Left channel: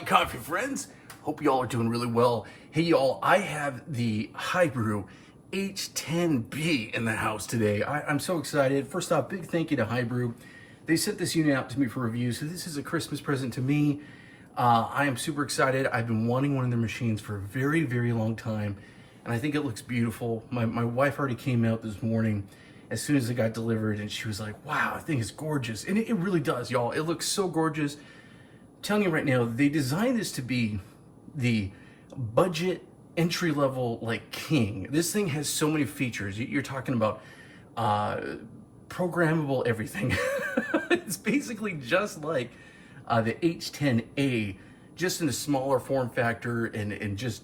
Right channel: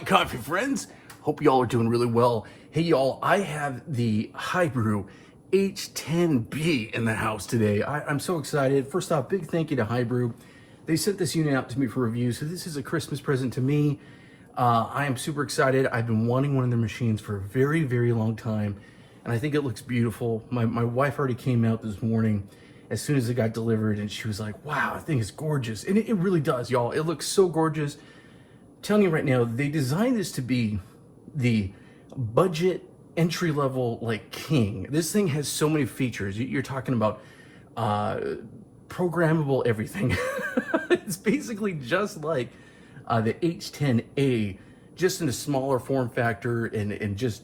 Howdy coffee friends, hope y'all are doing really well. Hey y'all, I have the HiBREW H10B in the house today. I'm so excited. First off, big thank you to HiBREW. They sent this unit out to me for review, so this is a Christmas present to me. I am super excited. I've been wanting one of their machines for a very, very long time, and I think it looks beautiful. My wife already came out this morning as soon as it got delivered, and she was like, wow, I think it's gorgeous. And it really does, y'all. It looks so gorgeous. I'm telling you right now, they designed this to be the budget entry-level like king. This thing has so many features. You're talking about programmable everything. It's basically just like the H10A, just in a smaller form factor and just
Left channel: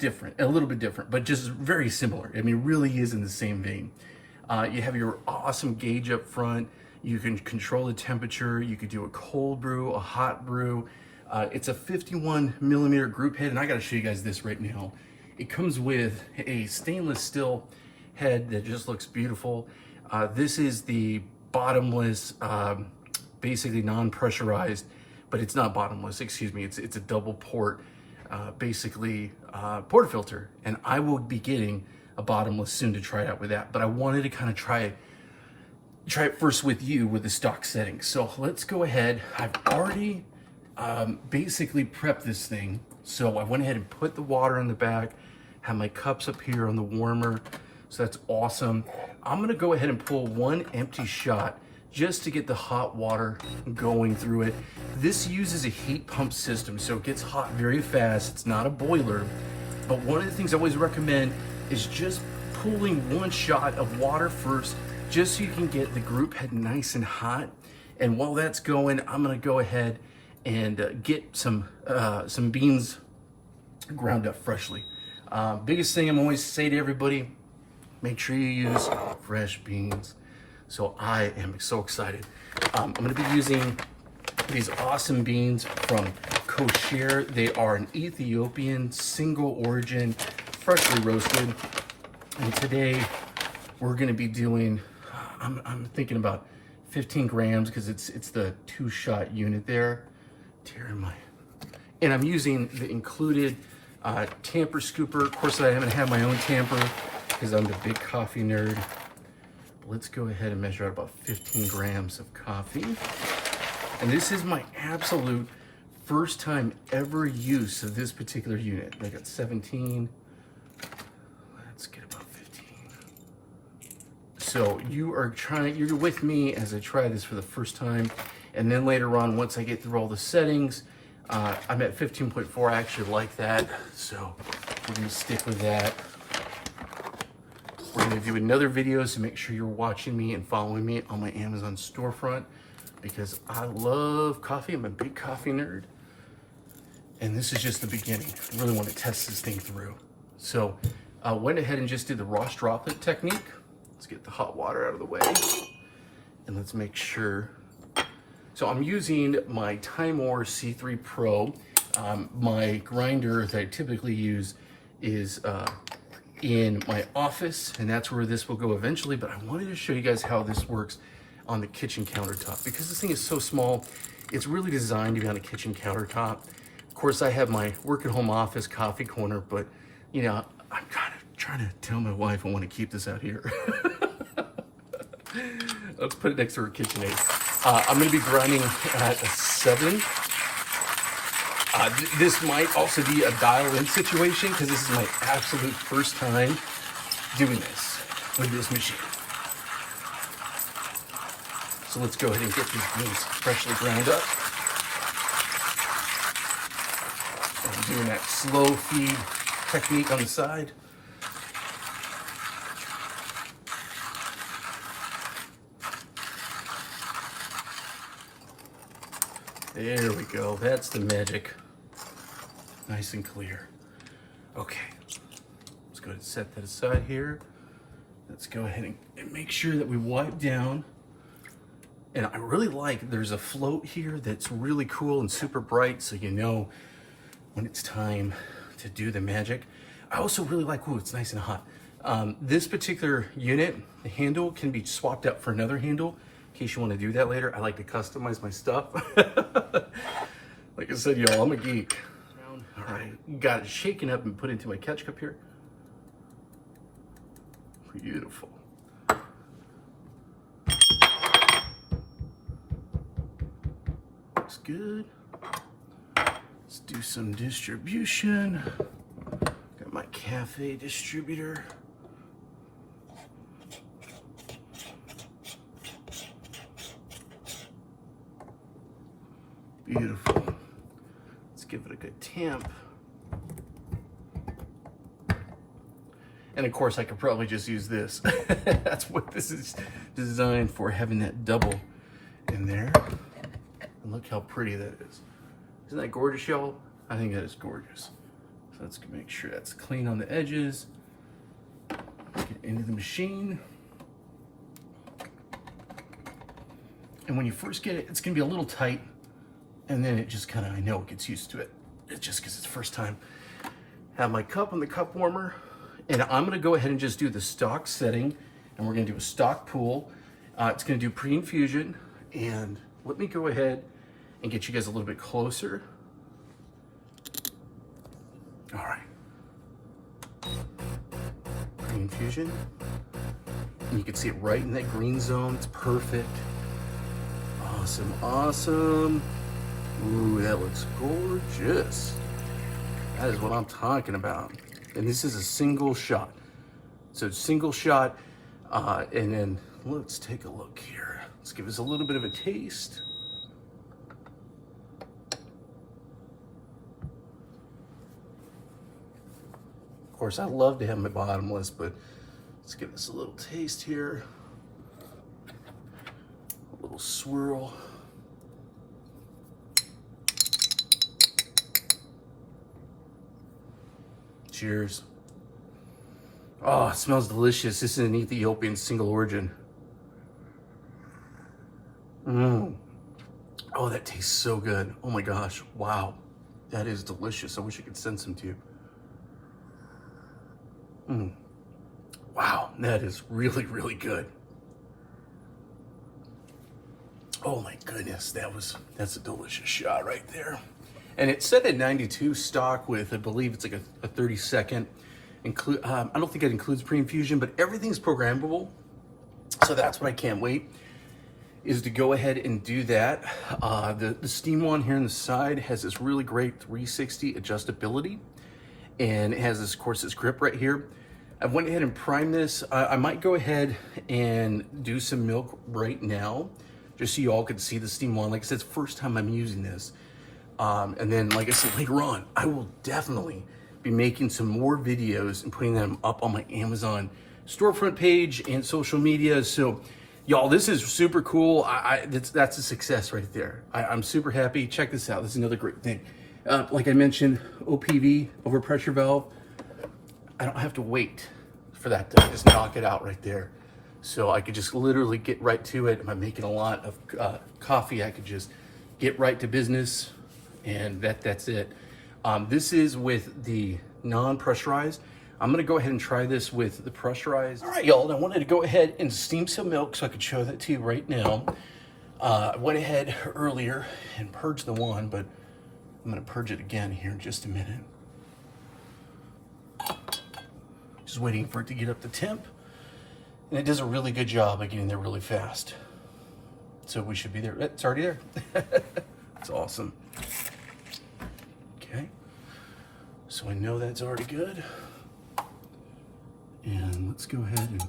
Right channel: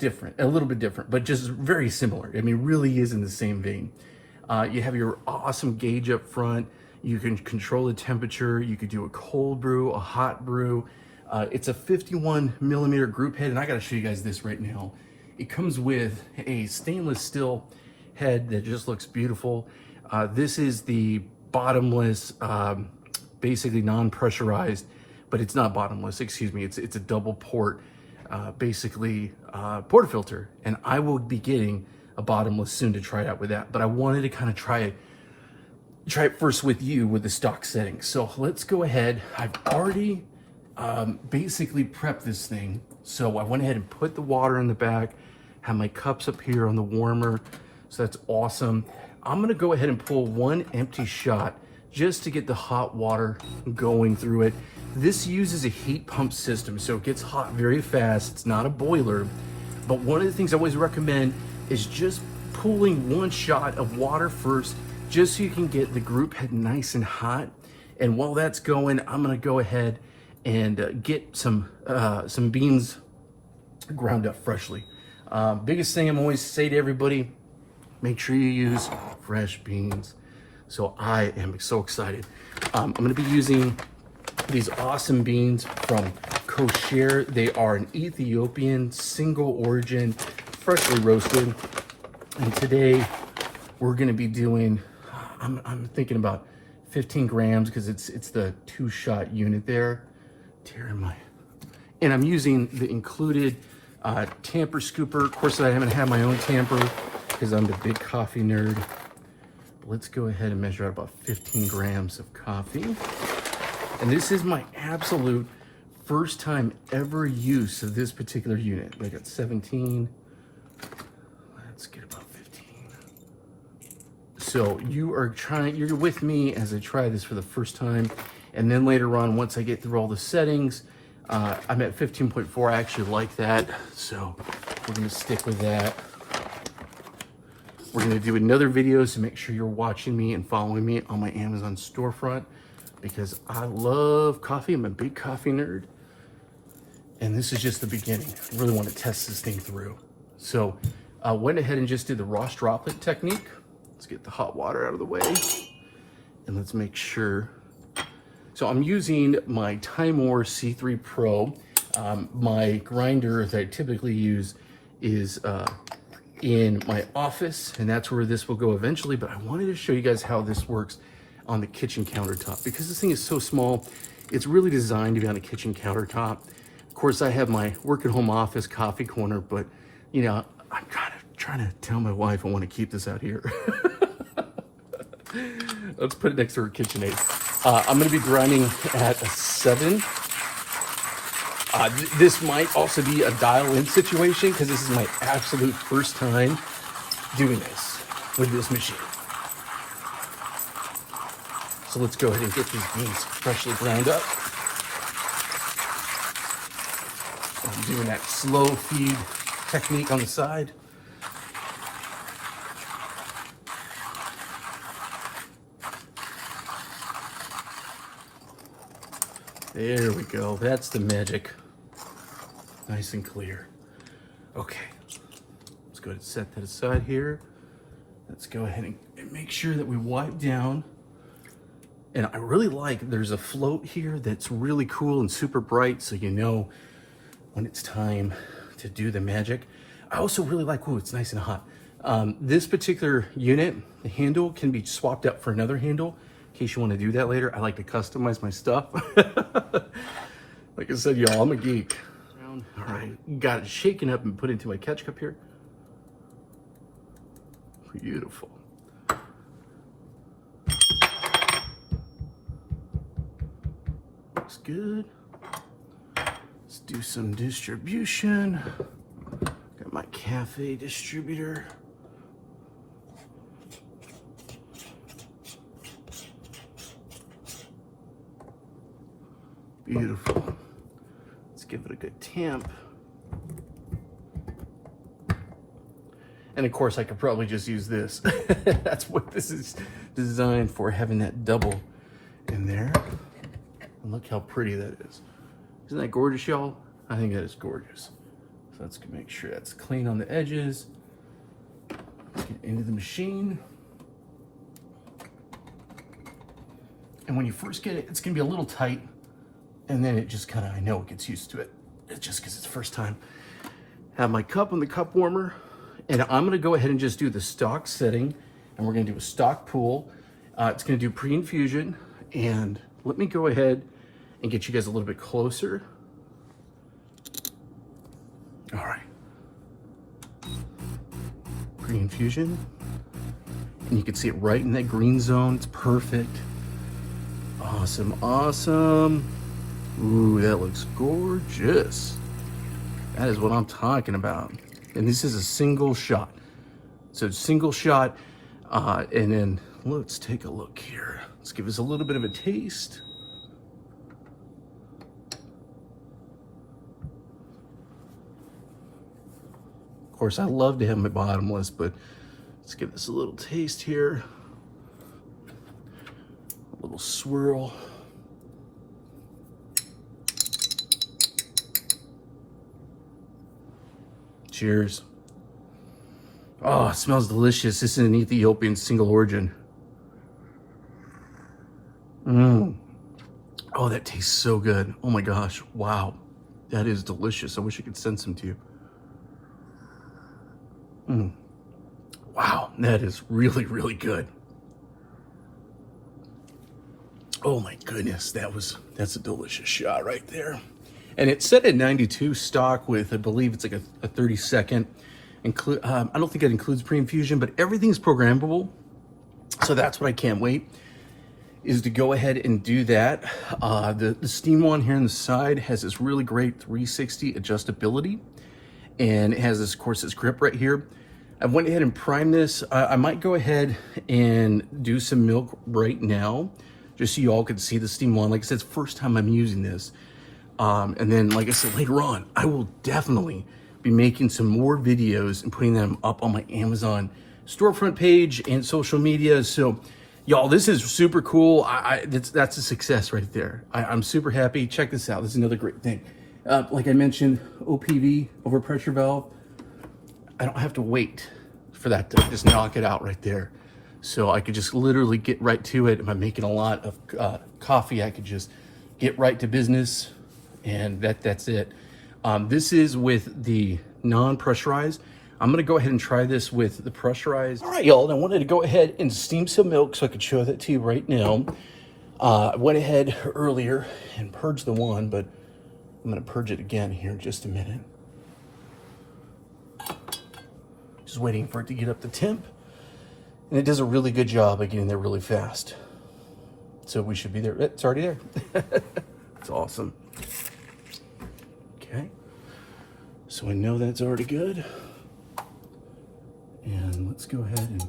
different, a little bit different, but just very similar. I mean, really is in the same vein. You have your awesome gauge up front. You can control the temperature. You could do a cold brew, a hot brew. It's a 51 millimeter group head, and I gotta show you guys this right now. It comes with a stainless steel head that just looks beautiful. This is the bottomless, basically non-pressurized, but it's not bottomless, excuse me. It's a double port, basically portafilter, and I will be getting a bottomless soon to try it out with that. But I wanted to kind of try it first with you with the stock settings. So let's go ahead. I've already basically prepped this thing. So I went ahead and put the water in the back, have my cups up here on the warmer. So that's awesome. I'm gonna go ahead and pull one empty shot just to get the hot water going through it. This uses a heat pump system, so it gets hot very fast. It's not a boiler. But one of the things I always recommend is just pulling one shot of water first, just so you can get the group head nice and hot. And while that's going, I'm gonna go ahead and get some beans ground up freshly. Biggest thing I'm always say to everybody, make sure you use fresh beans. So I am so excited. I'm gonna be using these awesome beans from Kosher. They are an Ethiopian single origin, freshly roasted. And today we're gonna be doing, I'm thinking about 15 grams because it's the 2-shot unit there. And I'm using the included tamper scooper. Of course, I haven't had my own tamper because I'm the big coffee nerd. But let's go ahead and measure out about 15 grams of coffee. And this is my absolute first time ever use of this particular unit. I got 17. Let's get about 15. So you're with me as I try this for the first time. And then later on, once I get through all the settings, I'm at 15.4. I actually like that, so we're gonna stick with that. We're gonna do another video, so make sure you're watching me and following me on my Amazon storefront, because I love coffee. I'm a big coffee nerd. And this is just the beginning. I really want to test this thing through. So I went ahead and just did the Ross droplet technique. Let's get the hot water out of the way. And let's make sure. So I'm using my Time War C3 Pro. My grinder that I typically use is in my office, and that's where this will go eventually, but I wanted to show you guys how this works on the kitchen countertop. Because this thing is so small, it's really designed to be on a kitchen countertop. Of course, I have my work at home office coffee corner, but you know, I'm trying to tell my wife I want to keep this out here. Let's put it next to her KitchenAid. I'm going to be grinding at a 7. This might also be a dial-in situation because this is my absolute first time doing this with this machine. So let's go ahead and get these beans freshly ground up. I'm doing that slow feed technique on the side. There we go, that's the magic. Nice and clear. Okay, let's go ahead and set that aside here. Let's go ahead and make sure that we wipe down. And I really like, there's a float here that's really cool and super bright, so you know when it's time to do the magic. I also really like, oh, it's nice and hot. This particular unit, the handle can be swapped out for another handle in case you want to do that later. I like to customize my stuff. Like I said, y'all, I'm a geek. All right, got it shaken up and put into my catch cup here. Beautiful. Looks good. Let's do some distribution. Got my cafe distributor. Beautiful. Let's give it a good tamp. And of course, I could probably just use this. That's what this is designed for, having that double in there. And look how pretty that is. Isn't that gorgeous, y'all? I think that is gorgeous. So let's make sure that's clean on the edges. Get into the machine. And when you first get it, it's gonna be a little tight. And then it just kind of, I know it gets used to it. It's just because it's the first time. I have my cup and the cup warmer. And I'm gonna go ahead and just do the stock setting. And we're gonna do a stock pool. It's gonna do pre-infusion. And let me go ahead and get you guys a little bit closer. All right. Pre-infusion. And you can see it right in that green zone. It's perfect. Awesome, awesome. Ooh, that looks gorgeous. That is what I'm talking about. And this is a single shot. So single shot, and then let's take a look here. Let's give us a little bit of a taste. Of course, I love to have my bottomless, but let's give this a little taste here. A little swirl. Cheers. Oh, it smells delicious. This is an Ethiopian single origin. Oh, that tastes so good. Oh my gosh. Wow. That is delicious. I wish I could send some to you. Wow. That is really, really good. Oh my goodness. That's a delicious shot right there. And it's set at 92 stock with, I believe it's like a 30-second. I don't think it includes pre-infusion, but everything's programmable. So that's what I can't wait, is to go ahead and do that. The steam one here on the side has this really great 360 adjustability. And it has this, of course, this grip right here. I went ahead and primed this. I might go ahead and do some milk right now, just so you all can see the steam one. Like I said, it's the first time I'm using this. And then, like I said, later on, I will definitely be making some more videos and putting them up on my Amazon storefront page and social media. So, y'all, this is super cool. That's a success right there. I'm super happy. Check this out. This is another great thing. Like I mentioned, OPV, overpressure valve. I don't have to wait for that to just knock it out right there. So I could just literally get right to it. If I'm making a lot of coffee, I could just get right to business. And that's it. This is with the non-pressurized. I'm gonna go ahead and try this with the pressurized. All right, y'all, I wanted to go ahead and steam some milk so I could show that to you right now. I went ahead earlier and purged the one, but I'm gonna purge it again here in just a minute. Just waiting for it to get up to temp. And it does a really good job of getting there really fast. So we should be there. It's already there. It's awesome. Okay, so I know that's already good. And let's go ahead and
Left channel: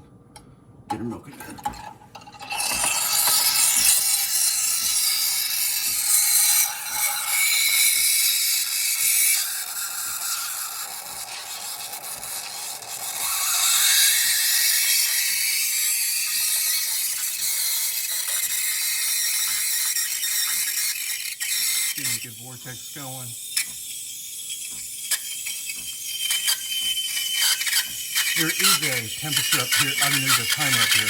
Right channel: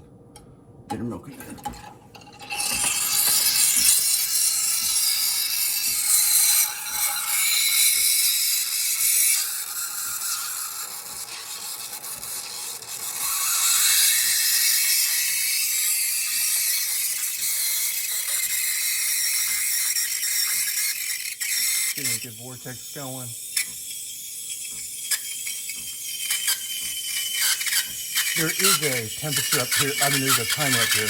get her milk again. Getting a good vortex going. There is a temperature up here. I mean, there's a timer up here.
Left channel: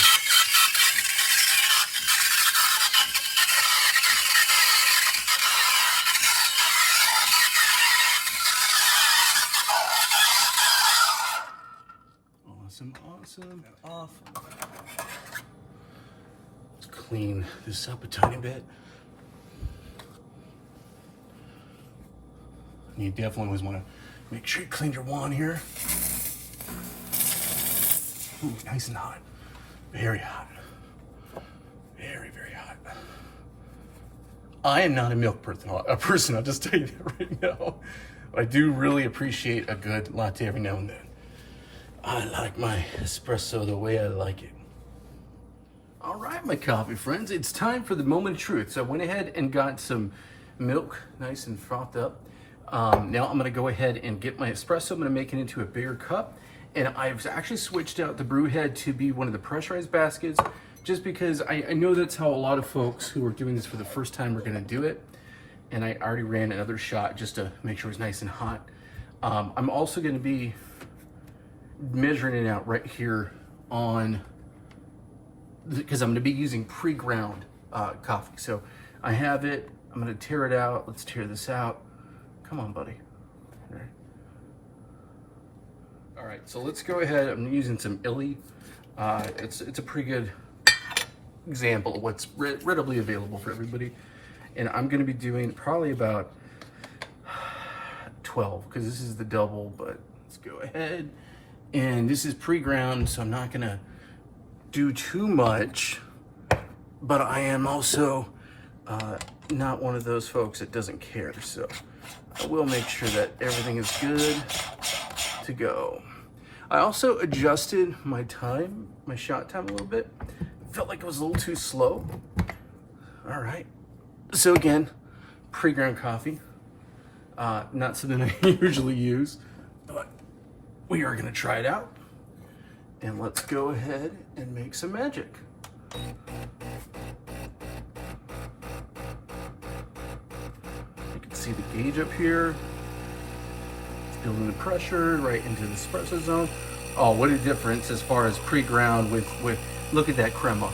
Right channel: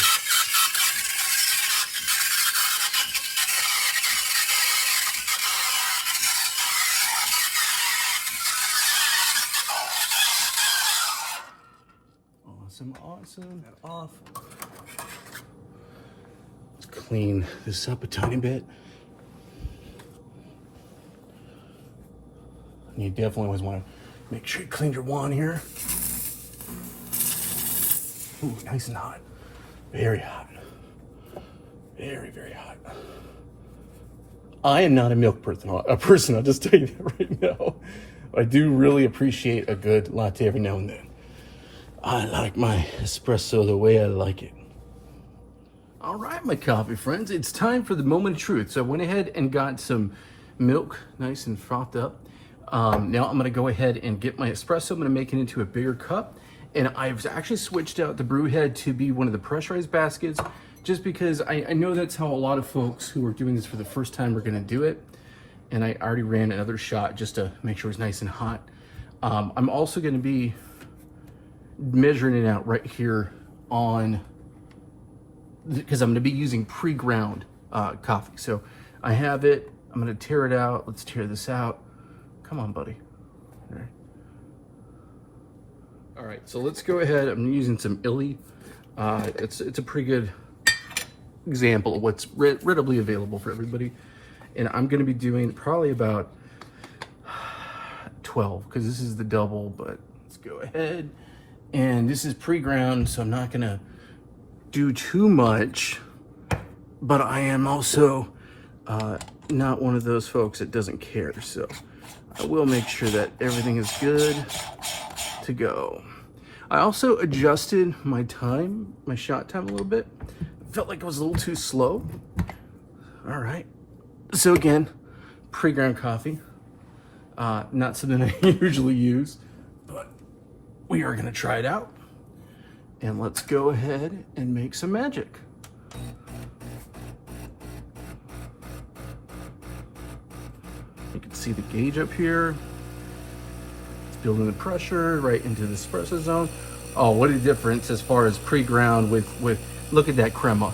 Awesome, awesome, off. Let's clean this up a tiny bit. You definitely always want to make sure you clean your wand here. Ooh, nice and hot. Very hot. Very, very hot. I am not a milk person, I'll just tell you that right now. I do really appreciate a good latte every now and then. I like my espresso the way I like it. All right, my coffee friends, it's time for the moment of truth. So I went ahead and got some milk, nice and frothed up. Now I'm gonna go ahead and get my espresso. I'm gonna make it into a bigger cup. And I've actually switched out the brew head to be one of the pressurized baskets, just because I know that's how a lot of folks who are doing this for the first time are gonna do it. And I already ran another shot just to make sure it's nice and hot. I'm also gonna be measuring it out right here on, because I'm gonna be using pre-ground coffee. So I have it, I'm gonna tear it out. Let's tear this out. Come on, buddy. There. All right, so let's go ahead. I'm using some Illy. It's a pretty good example of what's readily available for everybody. And I'm gonna be doing probably about 12, because this is the double, but let's go ahead. And this is pre-ground, so I'm not gonna do too much, but I am also not one of those folks that doesn't care. So I will make sure that everything is good to go. I also adjusted my time, my shot time a little bit. Felt like it was a little too slow. All right. So again, pre-ground coffee. Not something I usually use, but we are gonna try it out. And let's go ahead and make some magic. You can see the gauge up here. It's building the pressure right into the espresso zone. Oh, what a difference as far as pre-ground with look at that crema.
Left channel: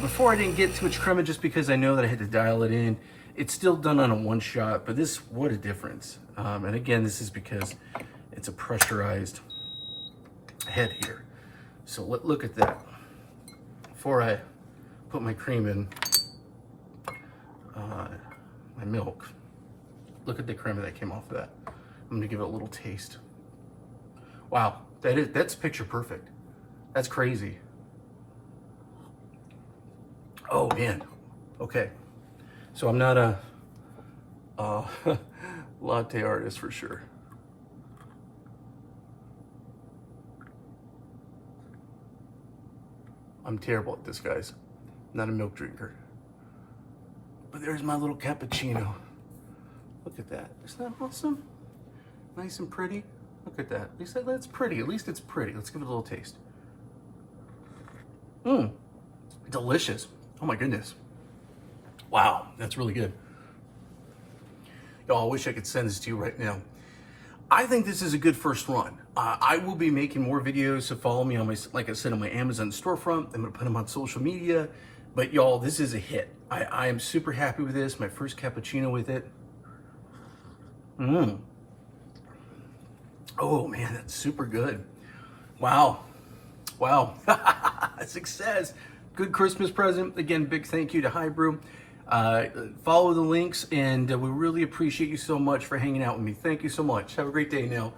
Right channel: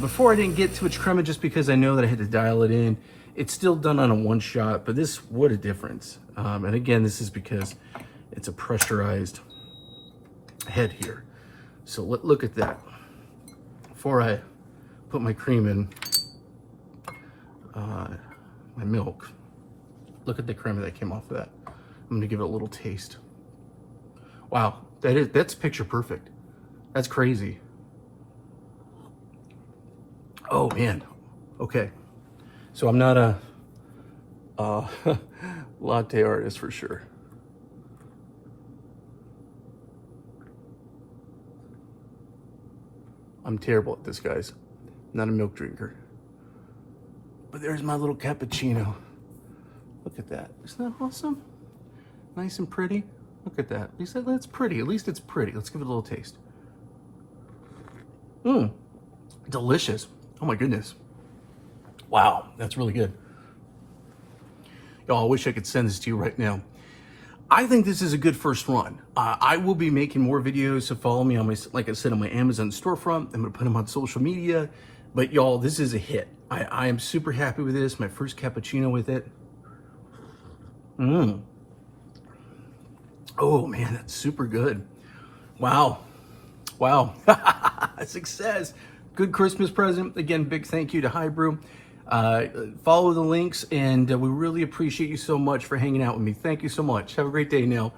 Before I didn't get too much crema just because I know that I had to dial it in. It's still done on a one shot, but this, what a difference. And again, this is because it's a pressurized head here. So look at that. Before I put my cream in, my milk, look at the crema that came off of that. I'm gonna give it a little taste. Wow, that's picture perfect. That's crazy. Oh man, okay. So I'm not a latte artist for sure. I'm terrible at this, guys. I'm not a milk drinker. But there's my little cappuccino. Look at that. Isn't that awesome? Nice and pretty. Look at that. At least that's pretty. At least it's pretty. Let's give it a little taste. Mmm. Delicious. Oh my goodness. Wow, that's really good. Y'all, I wish I could send this to you right now. I think this is a good first run. I will be making more videos, so follow me on my, like I said, on my Amazon storefront. I'm gonna put them on social media. But y'all, this is a hit. I am super happy with this. My first cappuccino with it. Mmm. Oh man, that's super good. Wow. Wow. Success. Good Christmas present. Again, big thank you to HiBREW. Follow the links, and we really appreciate you so much for hanging out with me. Thank you so much. Have a great day now.